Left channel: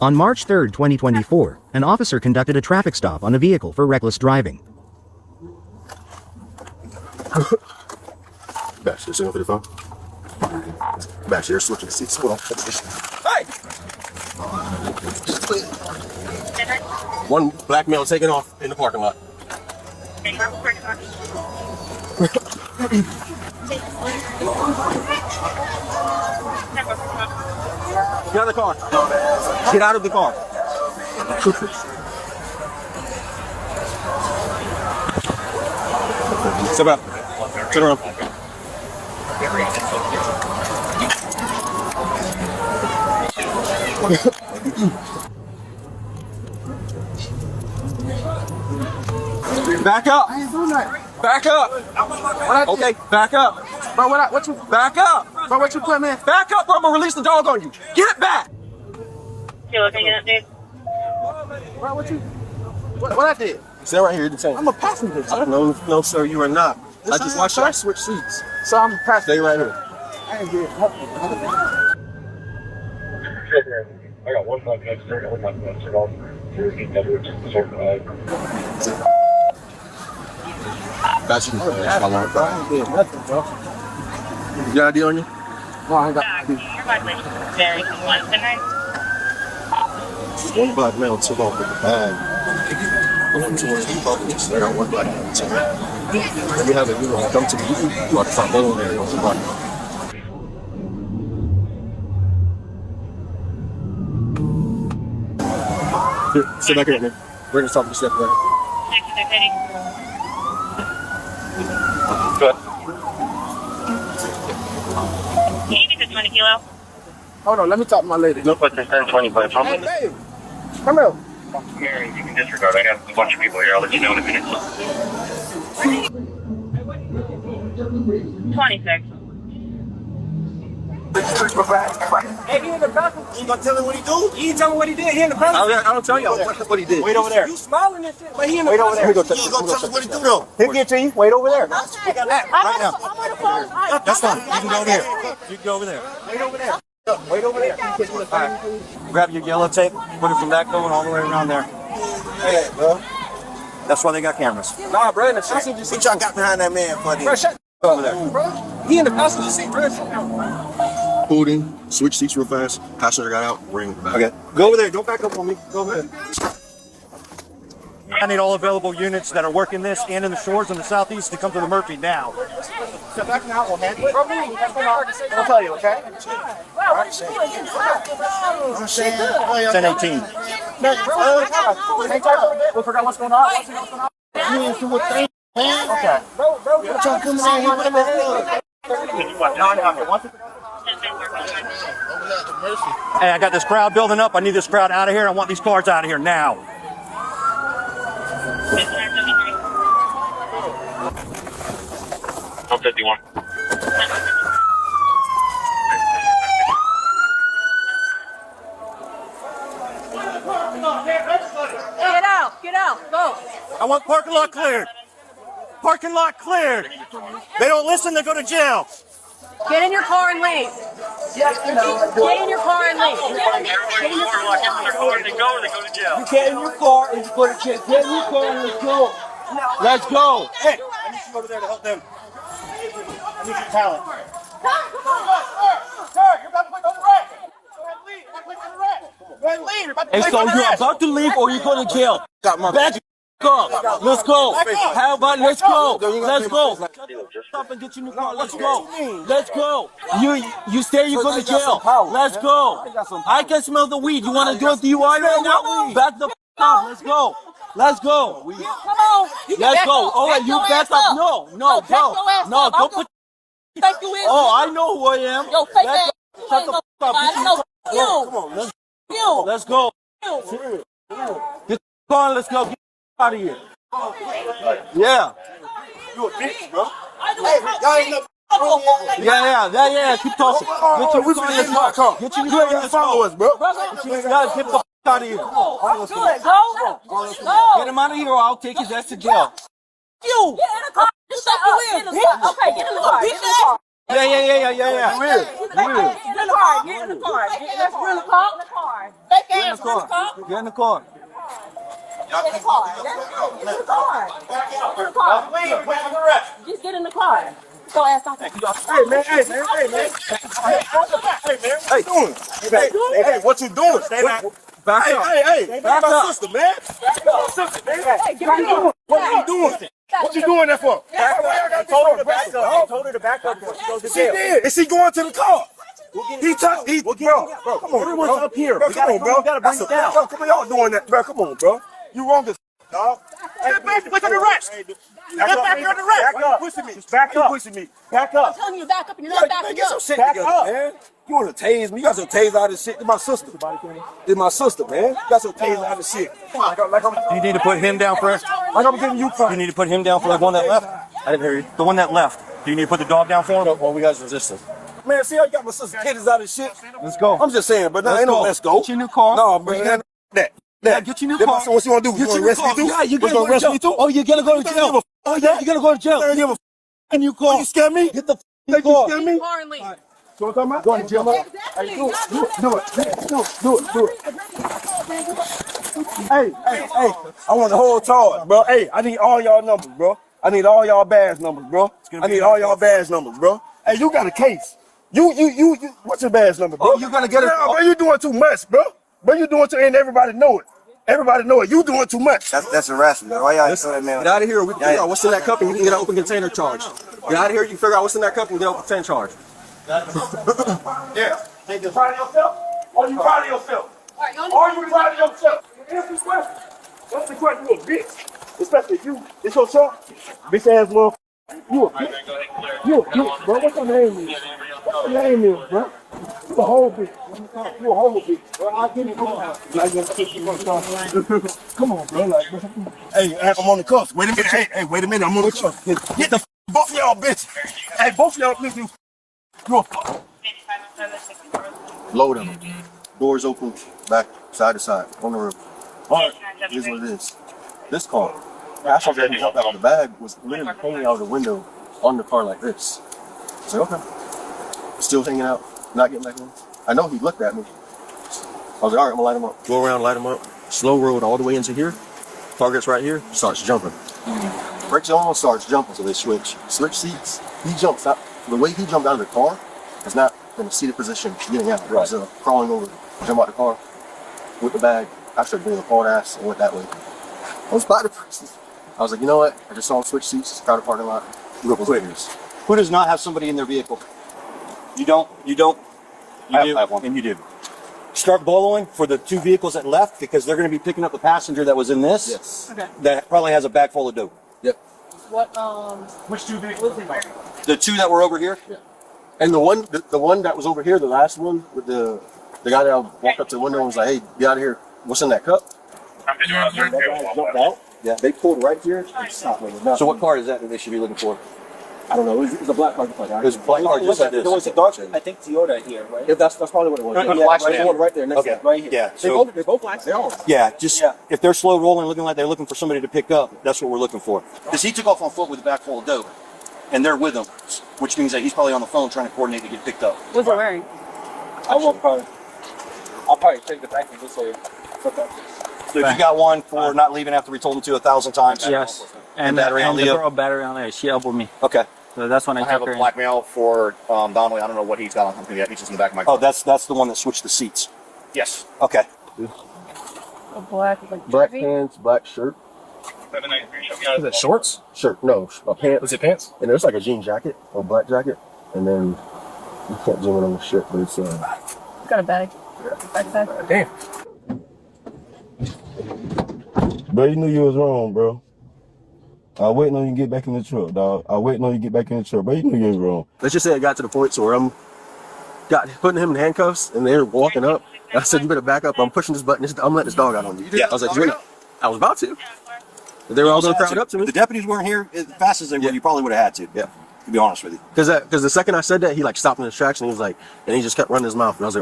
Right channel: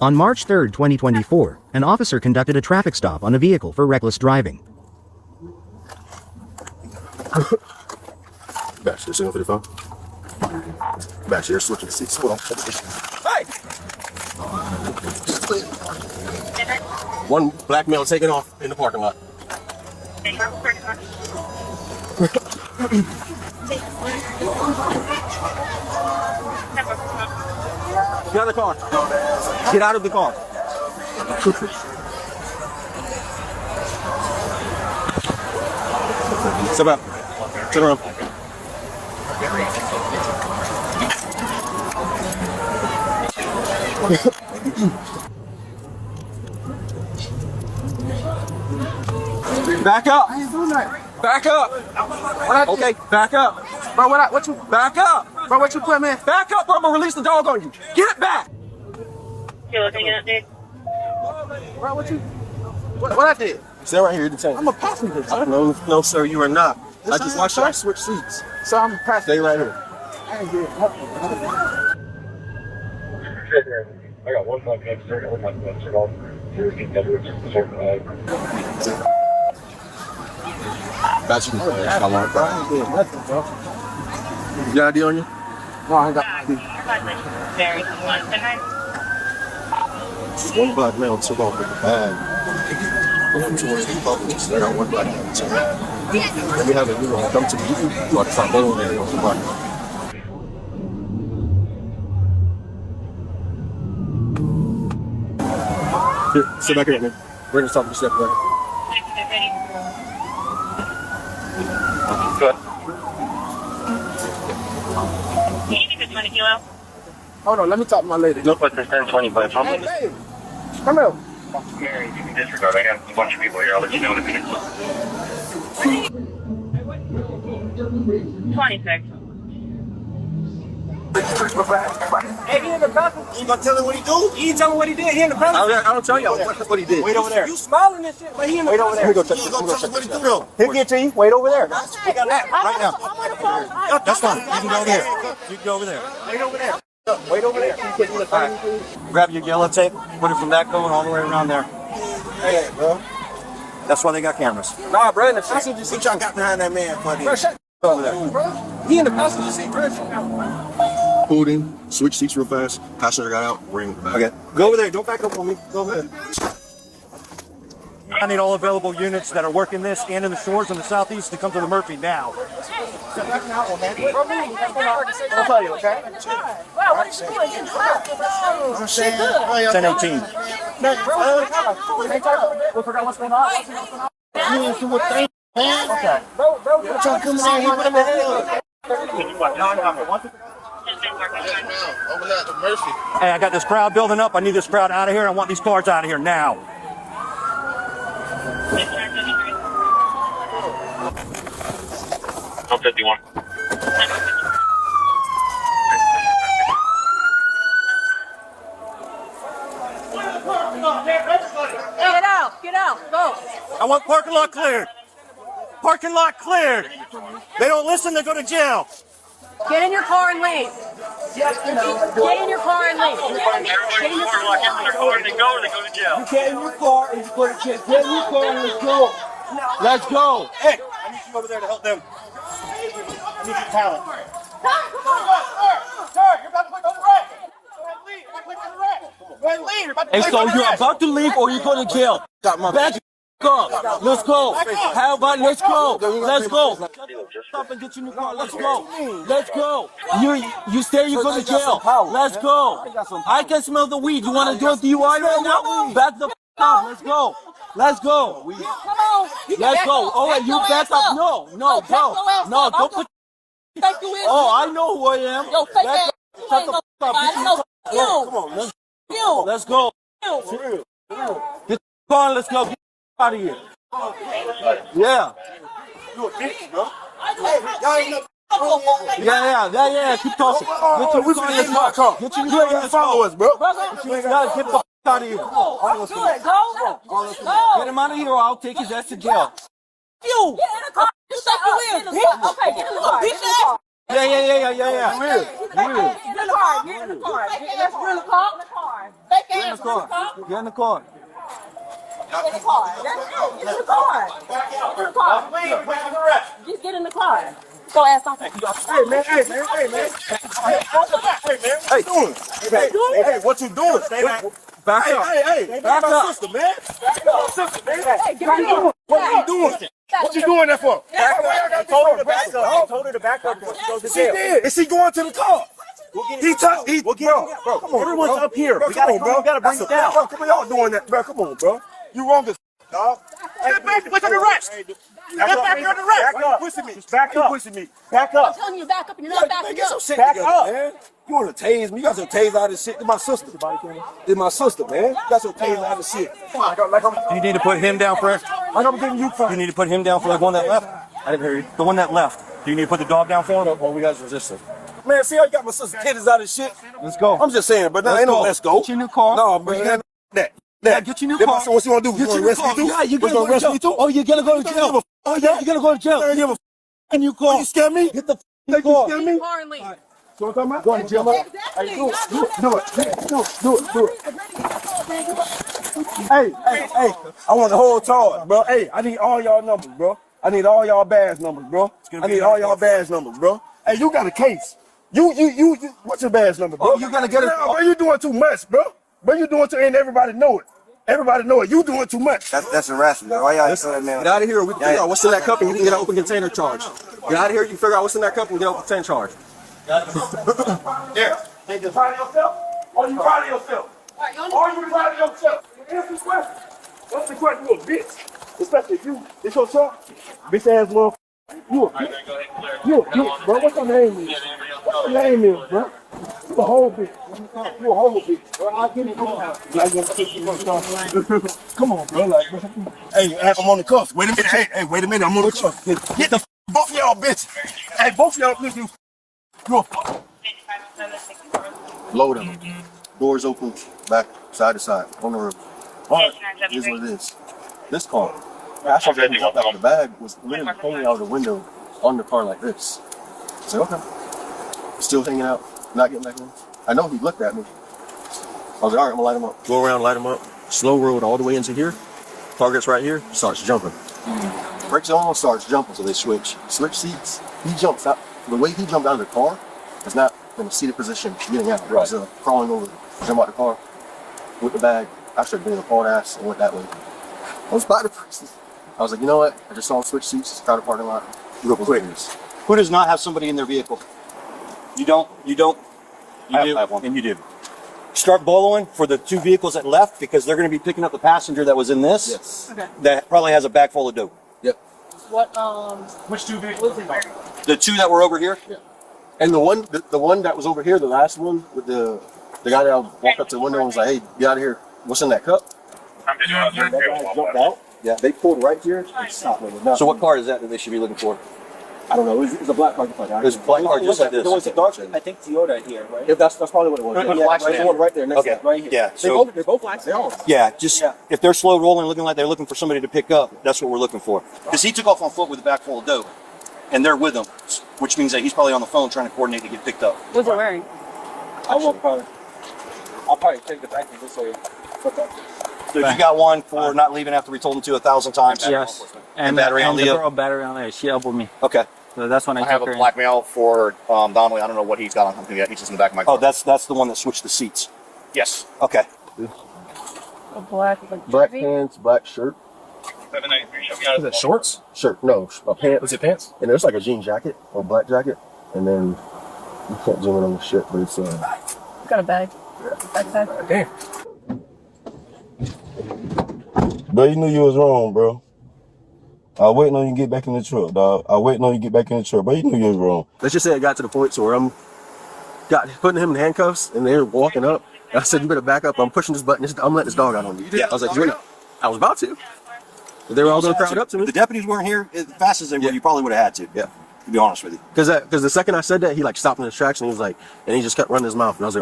On March 3rd, 2024, an officer conducted a traffic stop on a vehicle for reckless driving. Back, you sitting for the phone? Back here, switching the seats. Hold on. Hey! One black male taking off in the parking lot. Get out of the car. Sit up. Turn around. Back up. Back up. Okay, back up. Bro, what you? Back up. Bro, what you put, man? Back up, bro. I'm gonna release the dog on you. Get back. You looking at it, dude? Bro, what you? What I did? Stay right here. I'm a passenger. No, sir, you are not. I just watched her switch seats. So I'm a passenger. Stay right here. I got one button next turn, one button next turn off. Got you. You got ID on you? No, you're probably very much tonight. One black male took off. Going towards the office. They got one black male took off. Then we have a new one come to me. Here, sit back here again. We're gonna stop the step right. You need this 20 kilo. Hold on, let me talk to my lady. Look what this 1025 from. Hey, babe, come out. Mary, you can disregard. I have a bunch of people here. I'll let you know in a minute. 26. Hey, he in the bathroom. You gonna tell him what he do? He ain't tell me what he did. He in the bathroom. I'll tell you what he did. Wait over there. You smiling and shit, but he in the bathroom. You gonna tell him what he do though? He'll get to you. Wait over there. We got that right now. That's fine. You go over there. Wait over there. Wait over there. Grab your yellow tape, put it from that corner all the way around there. Hey, bro. That's why they got cameras. Nah, bro, in the passenger seat. What y'all got behind that man, buddy? Bro, shut Over there. He in the passenger seat, bro. Pulled in, switch seats real fast. Passenger got out, ring. Okay. Go over there. Don't back up on me. Go ahead. I need all available units that are working this and in the shores in the southeast to come to the Murphy now. I'll tell you, okay? 1018. We forgot what's going on. Hey, I got this crowd building up. I need this crowd out of here. I want these cars out of here now. No 51. Get out, go. I want parking lot cleared. Parking lot cleared. They don't listen, they go to jail. Get in your car and leave. Get in your car and leave. Everybody in the car, like, if they're going to go, they go to jail. Get in your car and you put a kid. Get in your car and let's go. Let's go. Hey, I need you over there to help them. I need your talent. Hey, so you're about to leave or you going to jail? Back up. Let's go. How about let's go? Let's go. Stop and get your new car. Let's go. Let's go. You say you're going to jail. Let's go. I can smell the weed. You want to do a DUI right now? Back the up. Let's go. Let's go. Come on. Let's go. All right, you back up. No. Don't put. Oh, I know who I am. Yo, fake Back ass. up. Shut the fuck up. Come on, let's go. Get on, let's go. Get out of here. Yeah. Yeah. Keep talking. Get your new followers, bro. Get the fuck out of here. Get him out of here or I'll take his ass to jail. You. Okay, get in the car. Yeah. Get in the car. Get in the car. Fake ass. Get in the car. Just get in the car. Go ask something. Hey, what you doing? Stay back. Back up. Hey, Back my up. sister, man. Hey, get in. What are you doing? What you doing that for? I told her to back up. I told her to back up. She did. Is she going to the car? He touched. Bro, come on. Everyone's up here. We gotta, bro. Gotta bring it down. Come on, y'all doing that, bro. Come on, bro. You wrong as dog. Step back. Look at the rest. Step back here to the rest. Why you pushing me? Just back up. Pushing me. Back up. I'm telling you to back up and you're not backing Get up. some shit together, man. You want to tase me? You got some tase out of shit. This my sister. This my sister, man. You got some tase out of shit. You need to put him down first. Like I'm giving you first. You need to put him down first. The one that left. I didn't hear you. The one that left. Do you need to put the dog down for him? Well, we guys resisting. Man, see, I got my sister's titties out of shit. Let's go. I'm just saying, but now ain't no let's go. Get your new car. No, man. That. Get your new car. So what you want to do? You Get your want to new arrest me car. too? Yeah, you gonna arrest me too? Oh, you're gonna go to jail. Oh, yeah, you're gonna go to jail. Give a Can you call? You scare me? Get the You car. scare me? Car and leave. So what I'm talking about? Go to jail. Do it. Do it. Hey. I want the whole charge, bro. Hey, I need all y'all numbers, bro. I need all y'all badge numbers, bro. I need all y'all badge numbers, bro. Hey, you got a case. You. What's your badge number, bro? You gonna get it? No, bro, you doing too much, bro. Bro, you doing too, and everybody know it. Everybody know it. You doing too much. That's harassment. Why y'all listening now? Get out of here. We can figure out what's in that cup and you can get an open container charge. Get out of here. You figure out what's in that cup and get an open container charge. Yeah. Did you find yourself? Or you proud of yourself? Are you proud of yourself? Answer this question. What's the question, you a bitch? Especially if you, it's your shot. Bitch ass motherfucker. You a bitch. You a bitch, bro. What's your name? What's your name is, bro? You a whole bitch. You a whole bitch. Bro, I get it, bro. Come on, bro. Like, hey, I'm on the cuffs. Wait a minute. Hey, wait a minute. I'm on the cuffs. Get the both of y'all bitches. Hey, both of y'all bitches. You Load them. Doors open, back, side to side, on the roof. But here's what it is. This car, I saw that the bag was literally hanging out of the window on the car like this. I said, okay. Still hanging out, not getting back on. I know he looked at me. I was like, all right, I'm gonna light him up. Go around, light him up. Slow road all the way into here. Target's right here, starts jumping. Breaks on, starts jumping, so they switch seats. He jumps out. The way he jumped out of the car, he's not in a seated position, getting out. He's crawling over, jump out the car with the bag. I started doing a phone ass and went that way. I was by the person. I was like, you know what? I just saw him switch seats, car the parking lot. You go for witness. Who does not have somebody in their vehicle? You don't. You have one. And you did. Start boloing for the two vehicles that left because they're going to be picking up the passenger that was in this. Yes. Okay. That probably has a bag full of dope. Yep. What, Which two vehicles? The two that were over here. Yeah. And the one that was over here, the last one, with the guy that walked up to the window and was like, hey, get out of here. What's in that cup? That guy jumped out. Yeah, they pulled right here and stopped with it. So what car is that they should be looking for? I don't know. It was a black car. It was a black car just like this. There was a dark, I think Toyota here, right? Yeah, that's probably what it was. And Yeah, black right, van. there, right there, next Okay. to it, right here. Yeah, They both black. They're all. Yeah, just if they're slow rolling, looking like they're looking for somebody to pick up, that's what we're looking for. Because he took off on foot with a bag full of dope, and they're with him, which means that he's probably on the phone trying to coordinate to get picked up. what's it wearing? I'll probably take the back of this one. So you got one for not leaving after we told him to 1,000 times. Yes. And battery on the the girl battery on there. She elbowed me. Okay. So that's when I I have took a her. blackmail for Donnelly. I don't know what he's got on him yet. He's just in the back of my car. Oh, that's the one that switched the seats. Yes. Okay. A black, Black pants, black shirt. Is that shorts? Shirt, no, a pants. Was it pants? And there's like a jean jacket or black jacket, and then I can't zoom in on the shit, but it's got a bag. Backpack. Damn. Bro, you knew you was wrong, bro. I was waiting on you to get back in the truck, dog. I was waiting on you to get back in the truck, but you knew you was wrong. Let's just say it got to the point where I'm putting him in handcuffs, and they're walking up. I said, "You better back up. I'm pushing this button. I'm letting this dog out on you." Yeah. I was like, I was about to. But they were all going to throw it up to me. The deputies weren't here as fast as they were. You probably would have had to. Yeah. To be honest with you. Because the second I said that, he like stopped in his tracks, and he was like, and he just kept running his mouth. And I was like,